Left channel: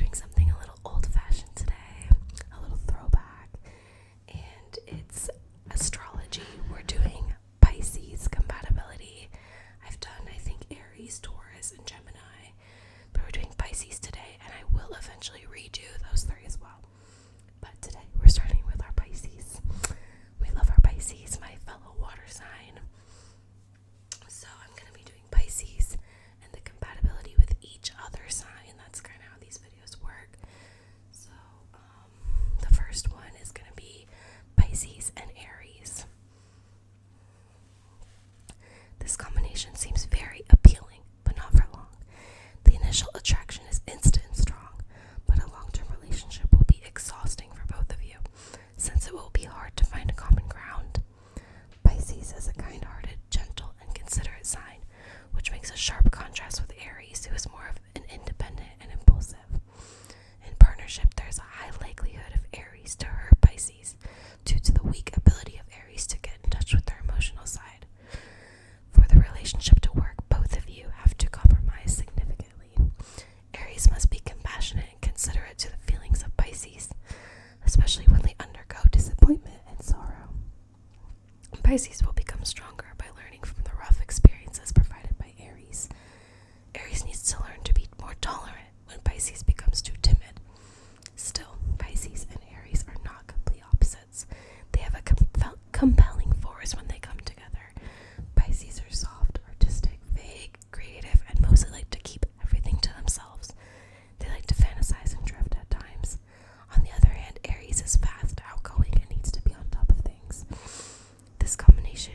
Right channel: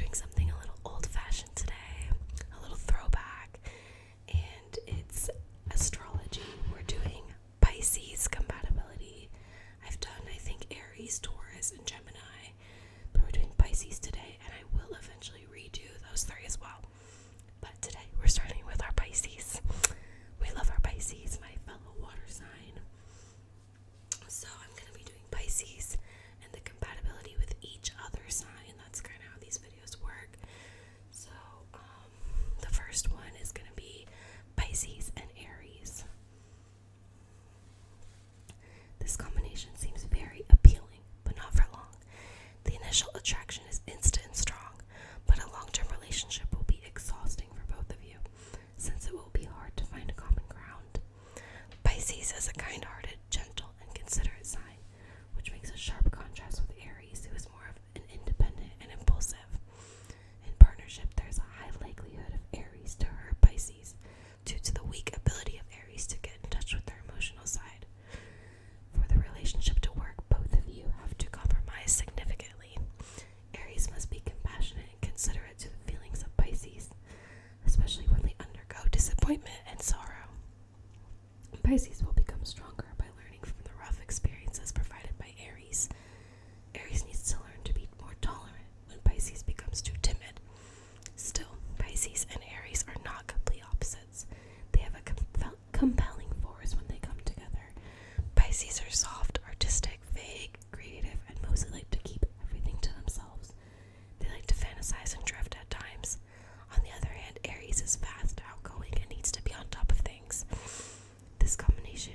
doing something a little old-fashioned today, a little throwback, and it's astrology. We're doing Pisces compatibility. I've done, I think, Aries, Taurus, and Gemini, but we're doing Pisces today, and I will eventually redo those three as well. But today, we're starting with our Pisces. We love our Pisces, my fellow water sign. So I'm going to be doing Pisces and the compatibility with each other sign. That's kind of how these videos work. So the first one is going to be Pisces and Aries. This combination seems very appealing, but not for long. The initial attraction is instant and strong, but a long-term relationship will be exhausting for both of you, since it will be hard to find a common ground. Pisces is a kind-hearted, gentle, and considerate sign, which makes a sharp contrast with Aries, who is more of an independent and impulsive. In partnership, there's a high likelihood of Aries to hurt Pisces due to the weak ability of Aries to get in touch with their emotional side. For the relationship to work, both of you have to compromise significantly. Aries must be compassionate and considerate to the feelings of Pisces, especially when they undergo disappointment and sorrow. Pisces will become stronger by learning from the rough experiences provided by Aries. Aries needs to learn to be more tolerant when Pisces becomes too timid. Still, Pisces and Aries are not complete opposites. They have a compelling force when they come together. Pisces are soft, artistic, vague, creative, and mostly like to keep everything to themselves. They like to fantasize and drift at times. On the other hand, Aries is fast, outgoing, and needs to be on top of things. This combination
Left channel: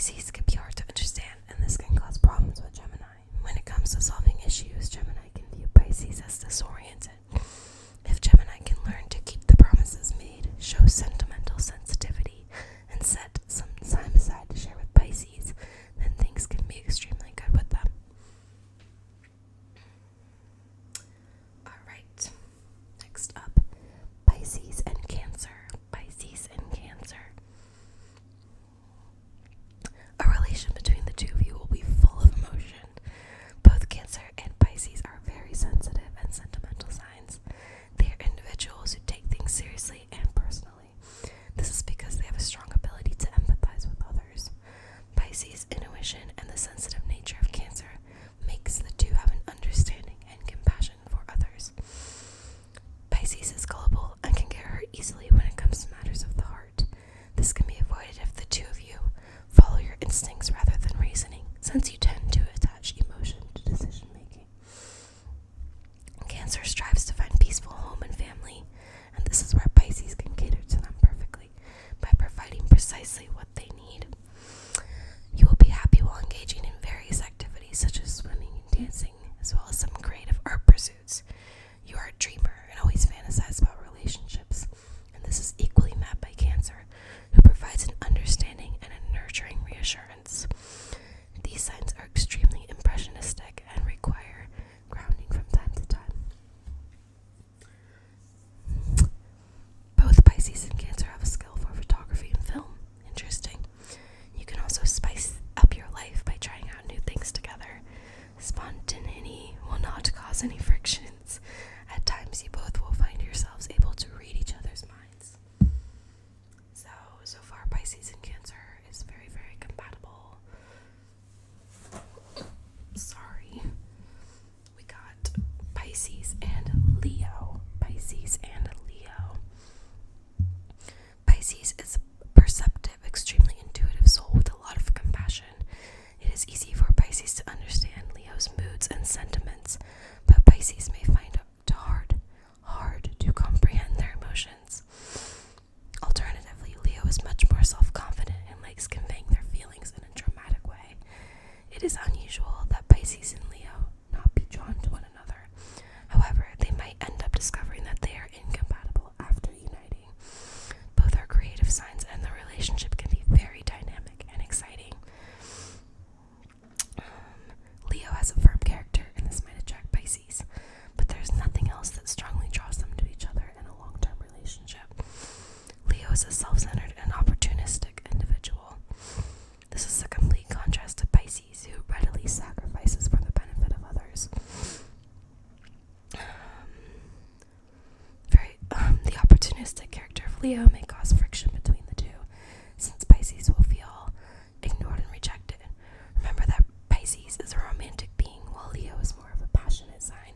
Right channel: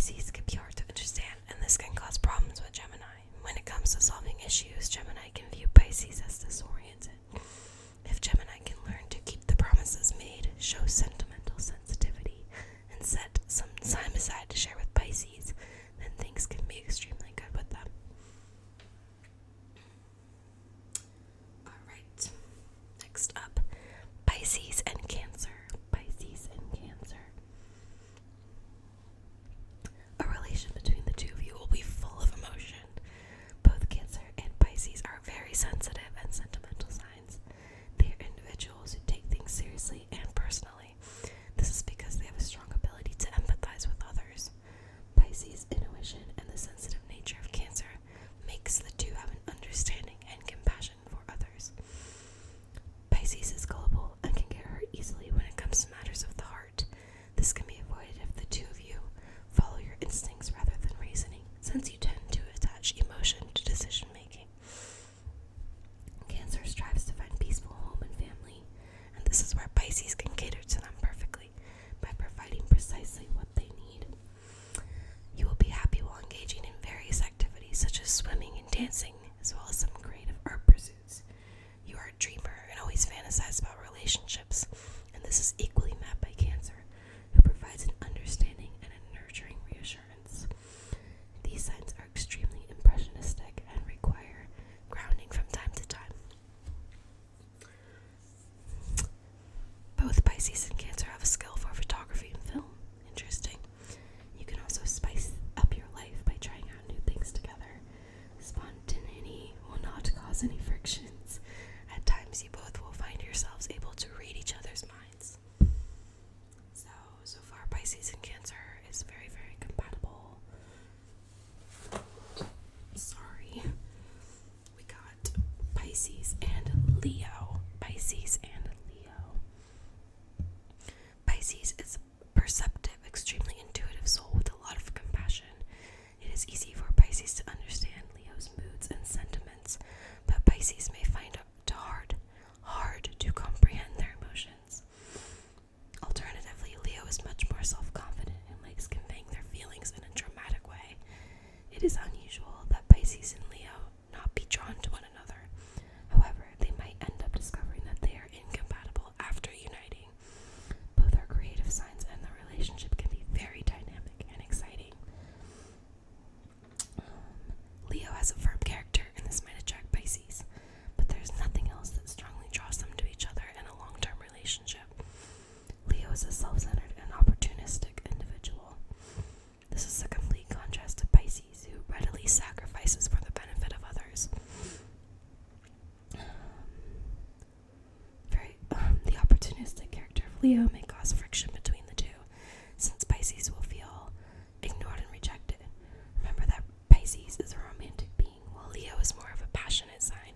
Pisces can be hard to understand, and this can cause problems with Gemini. When it comes to solving issues, Gemini can view Pisces as disoriented. If Gemini can learn to keep the promises made, show sentimental sensitivity, and set some time aside to share with Pisces, then things can be extremely good with them. Alright, next up, Pisces and Cancer. Pisces and Cancer. A relation between the two of you will be full of emotion. Both Cancer and Pisces are very sensitive and sentimental signs. They are individuals who take things seriously and personally. This is because they have a strong ability to empathize with others. Pisces' intuition and the sensitive nature of Cancer makes the two have an understanding and compassion for others. Pisces is gullible and can get hurt easily when it comes to matters of the heart. This can be avoided if the two of you follow your instincts rather than reasoning, since you tend to attach emotion to decision making. Cancer strives to find peaceful home and family, and this is where Pisces can cater to them perfectly by providing precisely what they need. You will be happy while engaging in various activities such as swimming and dancing, as well as some creative art pursuits. You are a dreamer and always fantasize about relationships, and this is equally met by Cancer, who provides an understanding and a nurturing reassurance. These signs are extremely impressionistic and require grounding from time to time. Both Pisces and Cancer have a skill for photography and film. Interesting. You can also spice up your life by trying out new things together. Spontaneity will not cause any frictions. At times, you both will find yourselves able to read each other's minds. So far, Pisces and Cancer is very, very compatible. Sorry. We got Pisces and Leo. Pisces and Leo. Pisces is a perceptive, extremely intuitive soul with a lot of compassion. It is easy for Pisces to understand Leo's moods and sentiments, but Pisces may find it hard to comprehend their emotions. Alternatively, Leo is much more self-confident and likes conveying their feelings in a dramatic way. It is unusual that Pisces and Leo not be drawn to one another. However, they might end up discovering that they are incompatible after uniting. Both are creative signs, and the relationship can be very dynamic and exciting. Leo has a firm character, and this might attract Pisces, but there's nothing else that strongly draws them to each other in a long-term relationship. Leo is a self-centered and opportunistic individual. This is a complete contrast to Pisces, who readily sacrifices for the benefit of others. The opportunistic character of Leo may cause friction between the two, since Pisces will feel ignored and rejected. Remember that Pisces is a romantic being, while Leo is more of a passionate sign.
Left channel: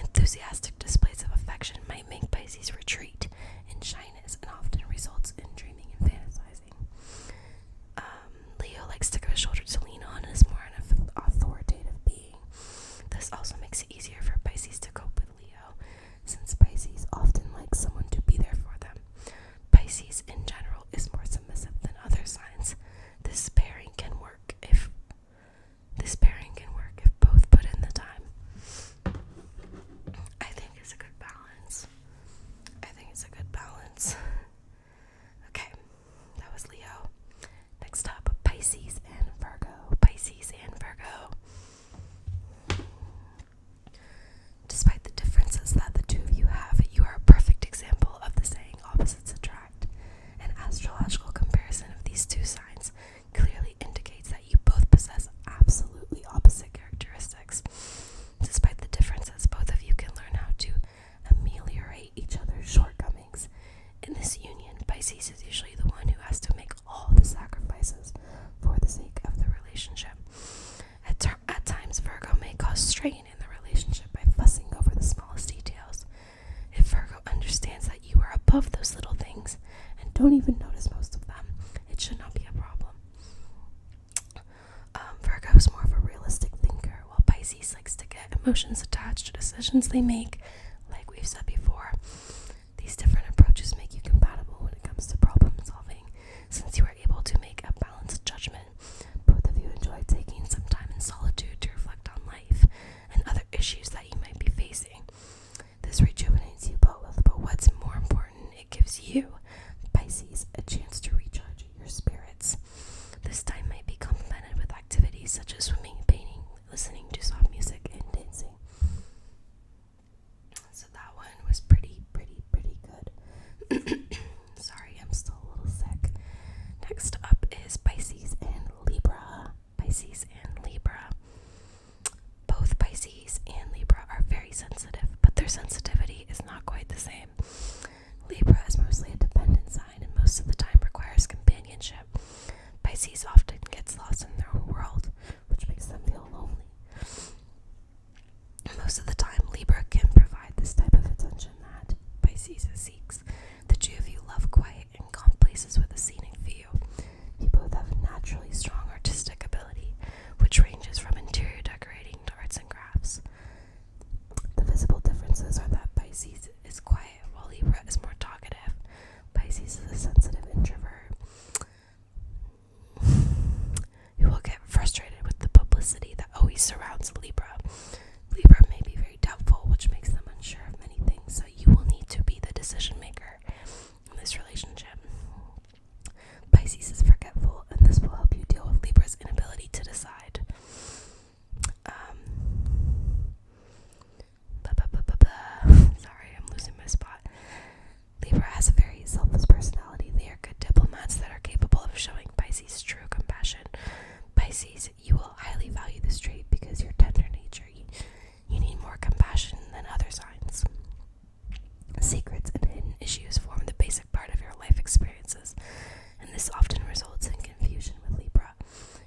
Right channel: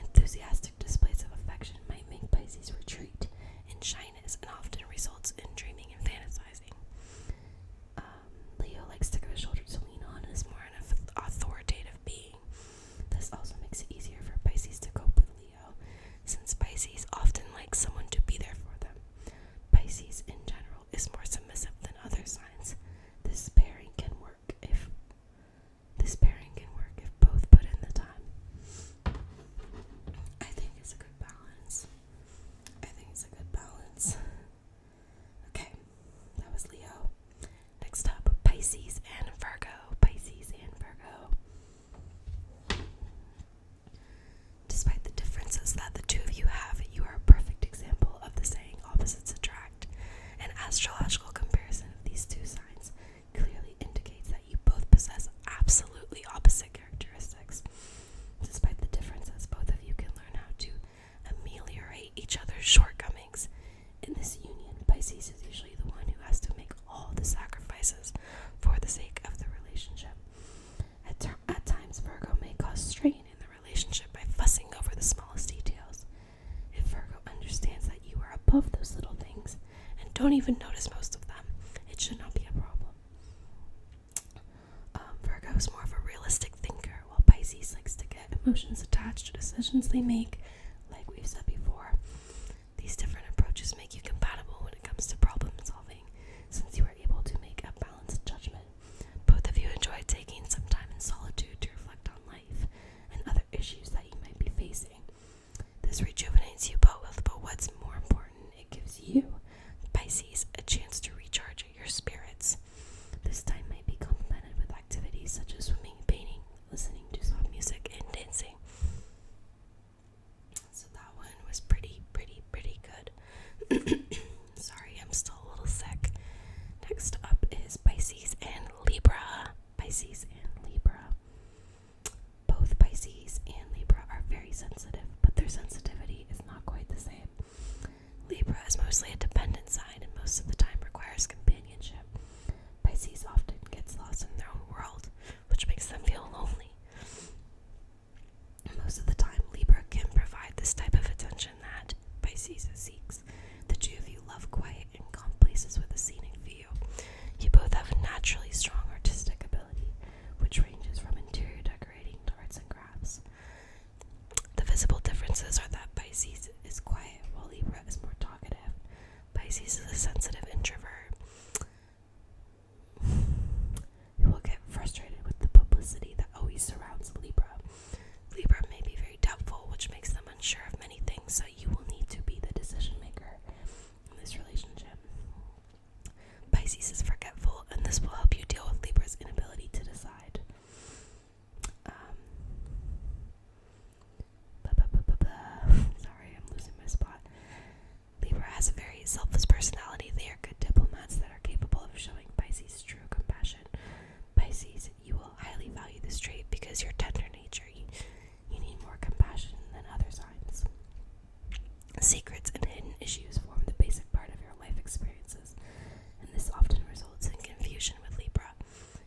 Enthusiastic displays of affection might make Pisces retreat in shyness and often results in dreaming and fantasizing. Leo likes to give a shoulder to lean on and is more an authoritative being. This also makes it easier for Pisces to cope with Leo, since Pisces often likes someone to be there for them. Pisces in general is more submissive than other signs. This pairing can work if both put in the time. I think it's a good balance. Okay, that was Leo. Next up, Pisces and Virgo. Pisces and Virgo. Despite the differences that the two of you have, you are a perfect example of the saying opposites attract. An astrological comparison of these two signs clearly indicates that you both possess absolutely opposite characteristics. Despite the differences, both of you can learn how to ameliorate each other's shortcomings. In this union, Pisces is usually the one who has to make all the sacrifices for the sake of the relationship. At times, Virgo may cause strain in the relationship by fussing over the smallest details. If Virgo understands that you are above those little things and don't even notice most of them, it should not be a problem. Virgo is more of a realistic thinker, while Pisces likes to get emotions attached to decisions they make, like we've said before. These different approaches make you compatible when it comes to problem solving, since you are able to make a balanced judgment Pisces a chance to recharge your spirits. This time might be complemented with activities such as swimming, painting, listening to soft music, and dancing. So that one was pretty good. Sorry, I'm still a little sick. Next up is Pisces and Libra. Pisces and Libra. Both Pisces and Libra are very sensitive, but their sensitivity is not quite the same. Libra is mostly a dependent sign and most of the time requires companionship. Pisces often gets lost in their own world, which makes them feel lonely. Most of the time, Libra can provide this type of attention that Pisces seeks. The two of you love quiet and calm places with a scenic view. You both have a naturally strong artistic ability, which ranges from interior decorating to arts and crafts. The visible differences are that Pisces is quiet while Libra is more talkative. Pisces is a sensitive introvert who will get frustrated with the publicity that always surrounds Libra. Libra may be very doubtful, which makes them unsure of many things, so you will need to be the decision maker in this relationship. Pisces is forgetful, and this will help you deal with Libra's inability to decide. Sorry, I'm losing my spot. Libra has a very selfless personality. They are good diplomats that are capable of showing Pisces true compassion. Pisces, you will highly value this trait because your tender nature. You need more compassion than other signs. Secrets and hidden issues form the basic part of your life experiences, and this often results in confusion with Libra.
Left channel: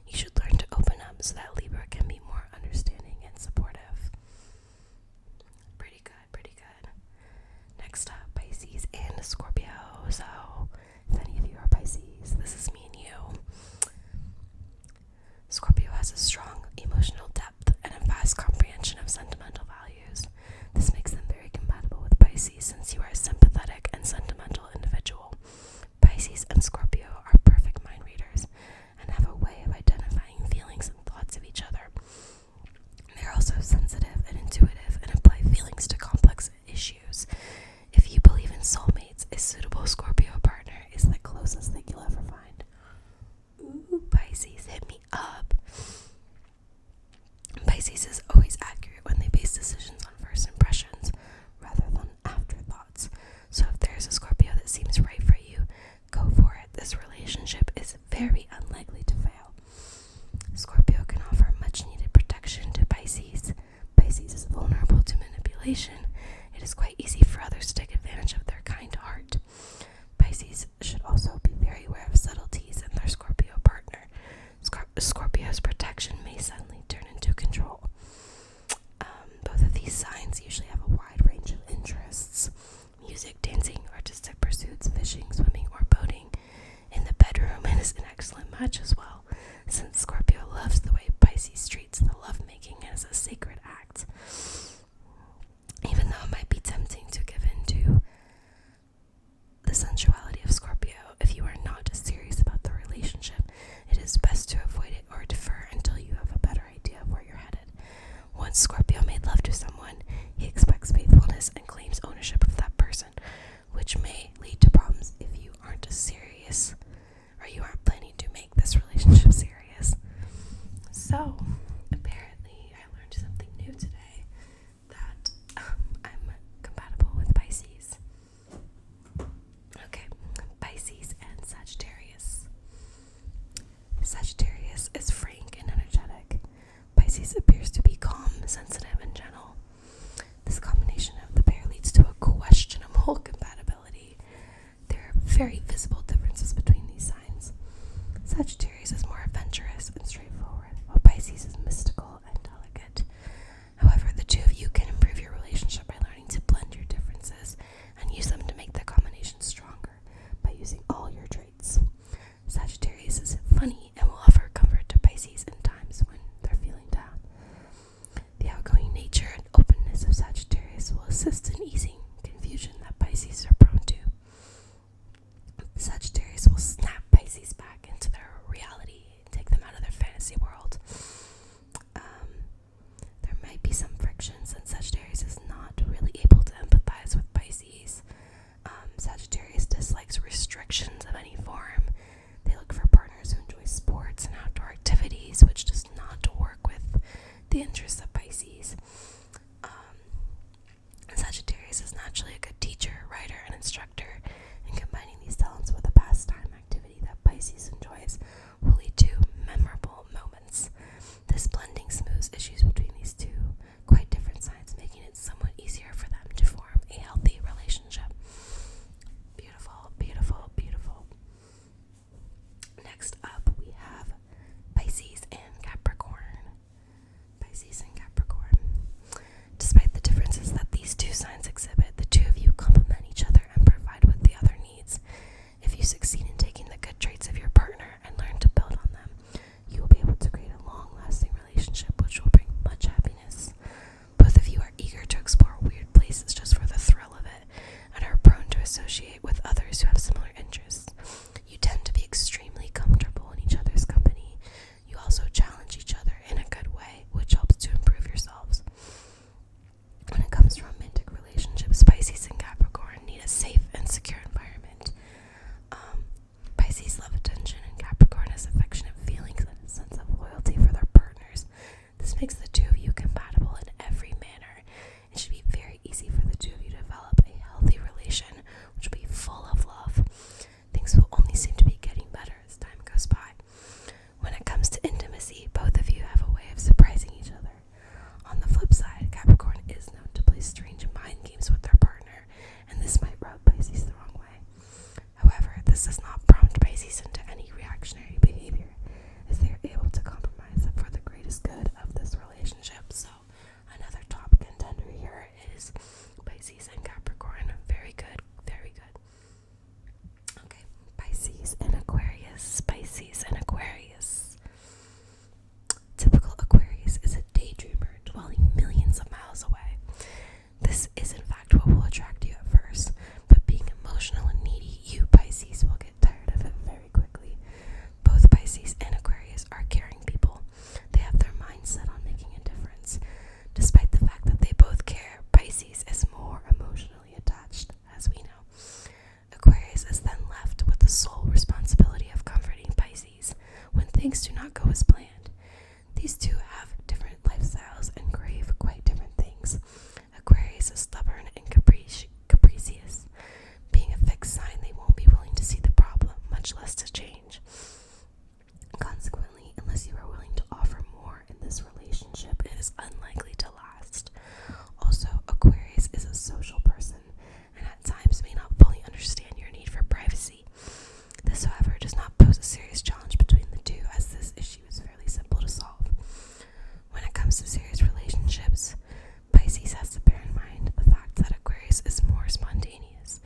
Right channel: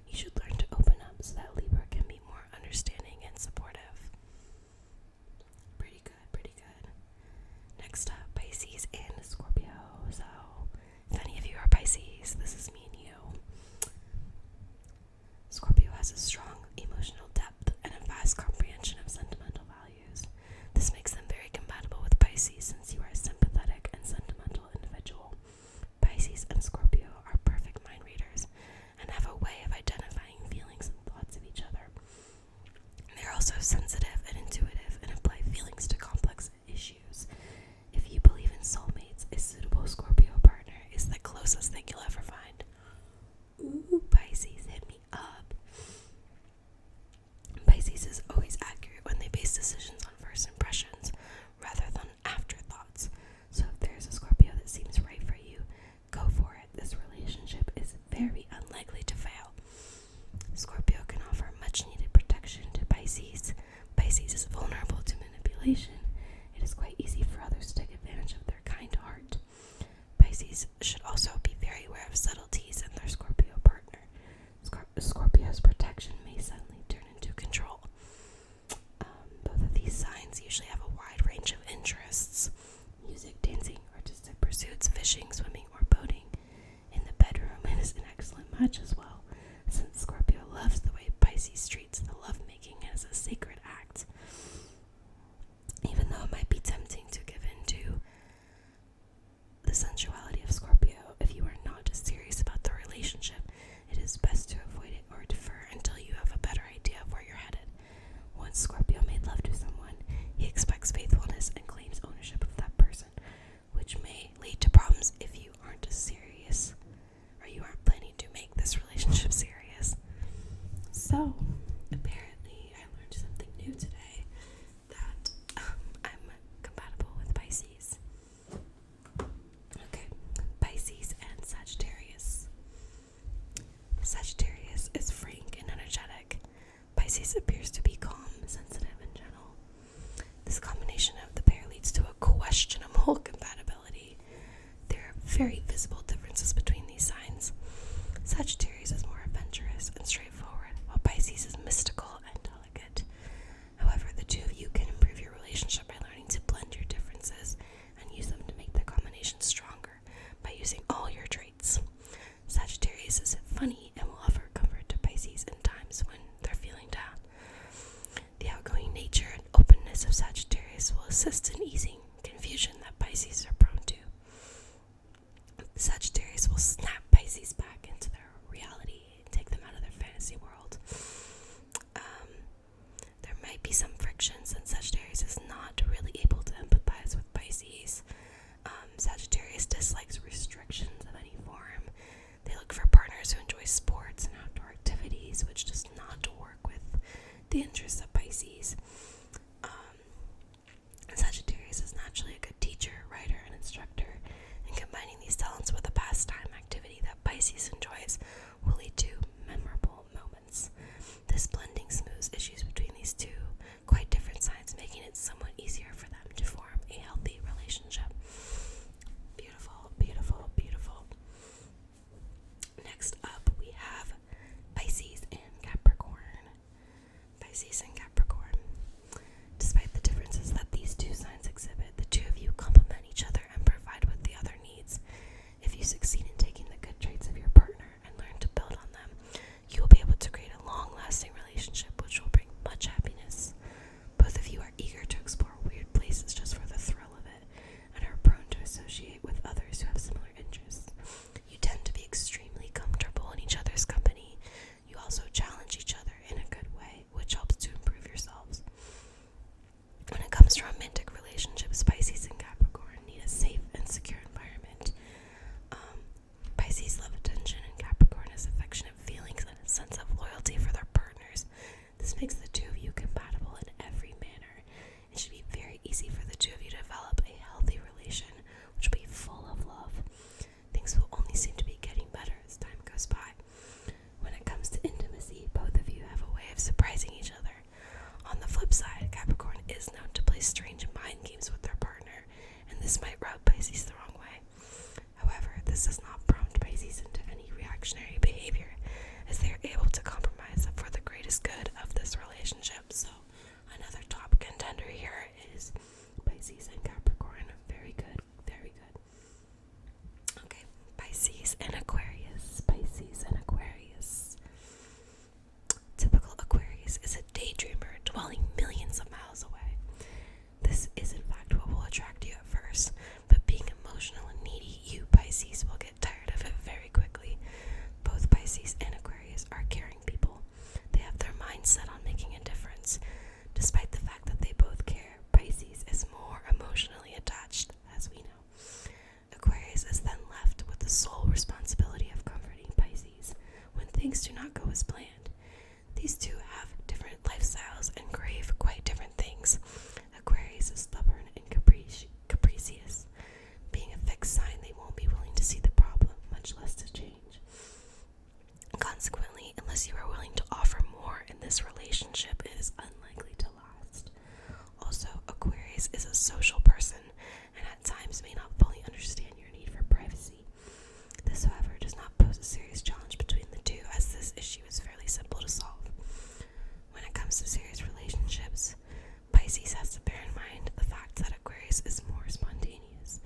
You should learn to open up so that Libra can be more understanding and supportive. Pretty good. Next up, Pisces and Scorpio. So, if any of you are Pisces, this is me and you. Scorpio has a strong emotional depth and a vast comprehension of sentimental values. This makes them very compatible with Pisces since you are a sympathetic and sentimental individual. Pisces and Scorpio are perfect mind readers and have a way of identifying feelings and thoughts of each other. They're also sensitive and intuitive and apply feelings to complex issues. If you believe in soulmates, a suitable Scorpio partner is the closest thing you'll ever find. Ooh, Pisces, hit me up. Pisces is always accurate when they base decisions on first impressions rather than afterthoughts. So if there's a Scorpio that seems right for you, go for it. This relationship is very unlikely to fail. Scorpio can offer much needed protection to Pisces. Pisces is vulnerable to manipulation. It is quite easy for others to take advantage of their kind heart. Pisces should also be very aware of subtleties in their Scorpio partner. Scorpio's protection may suddenly turn into control. Both of these signs usually have a wide range of interests: music, dancing, artistic pursuits, fishing, swimming, or boating. In the bedroom, it is an excellent match as well, since Scorpio loves the way Pisces treats the lovemaking as a sacred act. Even though it might be tempting to give in to the sensuality of Scorpio, if you are not serious about the relationship, it is best to avoid it or defer until you have a better idea of where you're headed. Once Scorpio made love to someone, he expects faithfulness and claims ownership of that person, which may lead to problems if you aren't serious or you aren't planning to make this relationship serious. So, apparently I learned something new today, that I'm compatible with Pisces. Okay, Pisces and Sagittarius. Sagittarius is frank and energetic. Pisces appears to be calm, sensitive, and gentle. This combination of the pair leads to a questionable compatibility. There are very visible differences between these signs. Sagittarius is more adventurous and straightforward, while Pisces is mystical and delicate. However, the two of you can improve your relationship by learning to blend your differences and use them to make the combination stronger by using all your traits. Sagittarius is funny and will offer comfort to Pisces in times when they're feeling down. The outgoing nature and openness of Sagittarius will assist in easing confusion that Pisces are prone to. Sagittarius will snap Pisces back into their reality and take them out of their fantasy world. There might be some friction since Sagittarius is not really able to empathize with Pisces. Sagittarius dislikes restrictions of things do not go as planned. These two have different lifestyles and crave quite different things. Aquarius is stubborn and capricious. Being a fixed sign, they won't be willing to see the problem, much less to change. Consequently, unless you are willing to offer more in this relationship, it is unlikely to last. Also, Aquarius is a social person and at times may not fully understand your need for privacy. This, however, does not pose a serious challenge between the two, as this issue is fairly simple to solve. When it comes to serious relationships, Pisces has to bear in mind the fact that Aquarius is more spontaneous,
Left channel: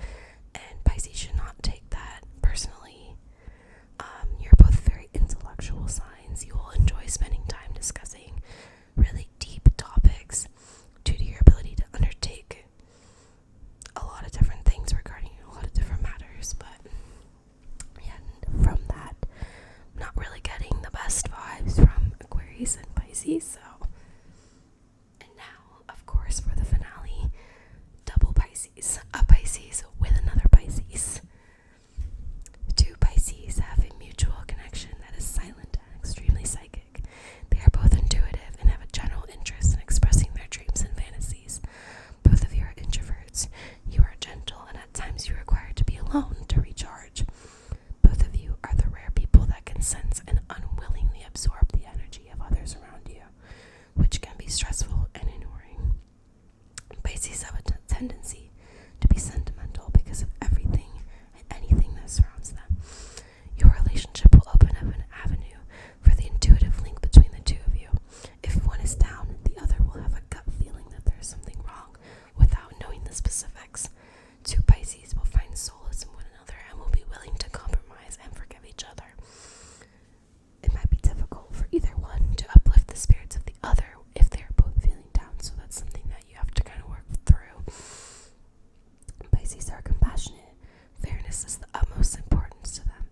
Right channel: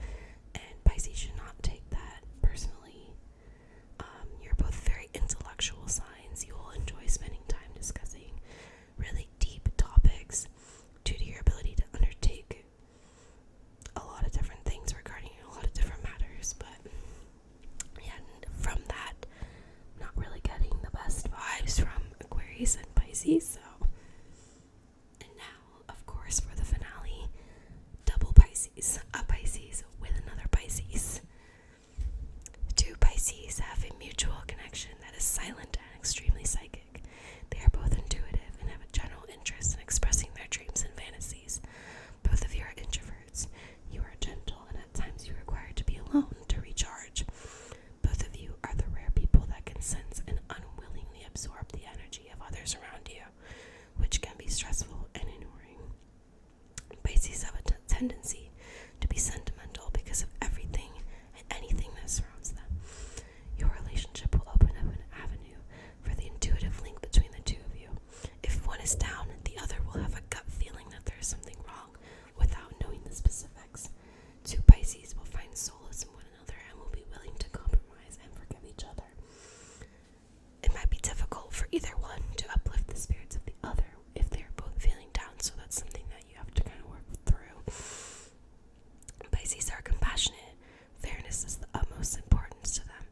and Pisces should not take that personally. You're both very intellectual signs. You will enjoy spending time discussing really deep topics due to your ability to undertake a lot of different things regarding a lot of different matters. But yeah, from that, I'm not really getting the best vibes from Aquarius and Pisces. So, and now, of course, for the finale, double Pisces, a Pisces with another Pisces. Two Pisces have a mutual connection that is silent and extremely psychic. They are both intuitive and have a general interest in expressing their dreams and fantasies. Both of you are introverts. You are gentle, and at times you require to be alone to recharge. Both of you are the rare people that can sense and unwillingly absorb the energy of others around you, which can be stressful and alluring. Pisces have a tendency to be sentimental because of everything and anything that surrounds them. Your relationship will open up an avenue for the intuitive link between the two of you. If one is down, the other will have a gut feeling that there is something wrong without knowing the specifics. Two Pisces will find solace in one another and will be willing to compromise and forgive each other. It might be difficult for either one to uplift the spirits of the other if they are both feeling down, so that's something that you have to kind of work through. Pisces are compassionate. Fairness is the utmost importance to them.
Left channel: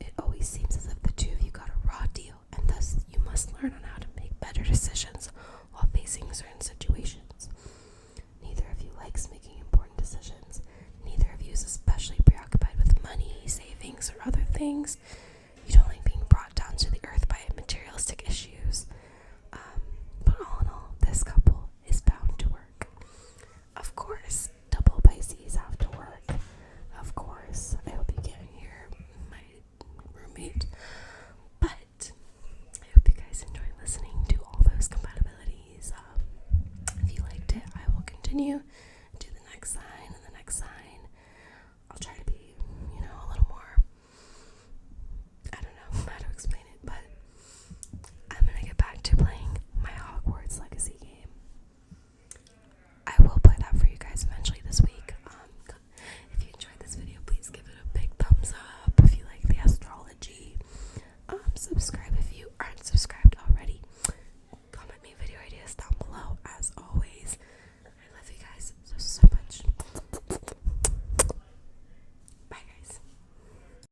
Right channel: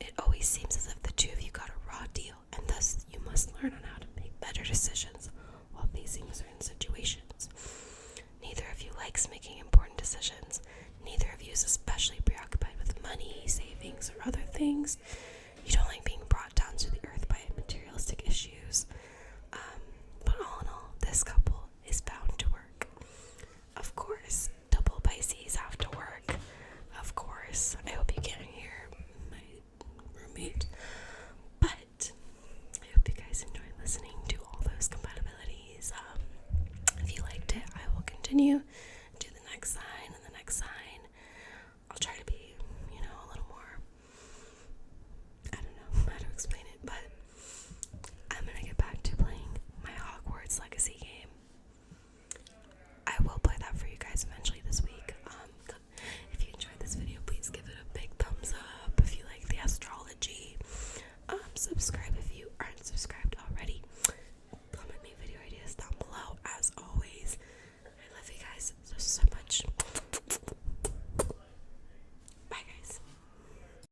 It always seems as if the two of you got a raw deal, and thus you must learn on how to make better decisions while facing certain situations. Neither of you likes making important decisions. Neither of you is especially preoccupied with money, savings, or other things.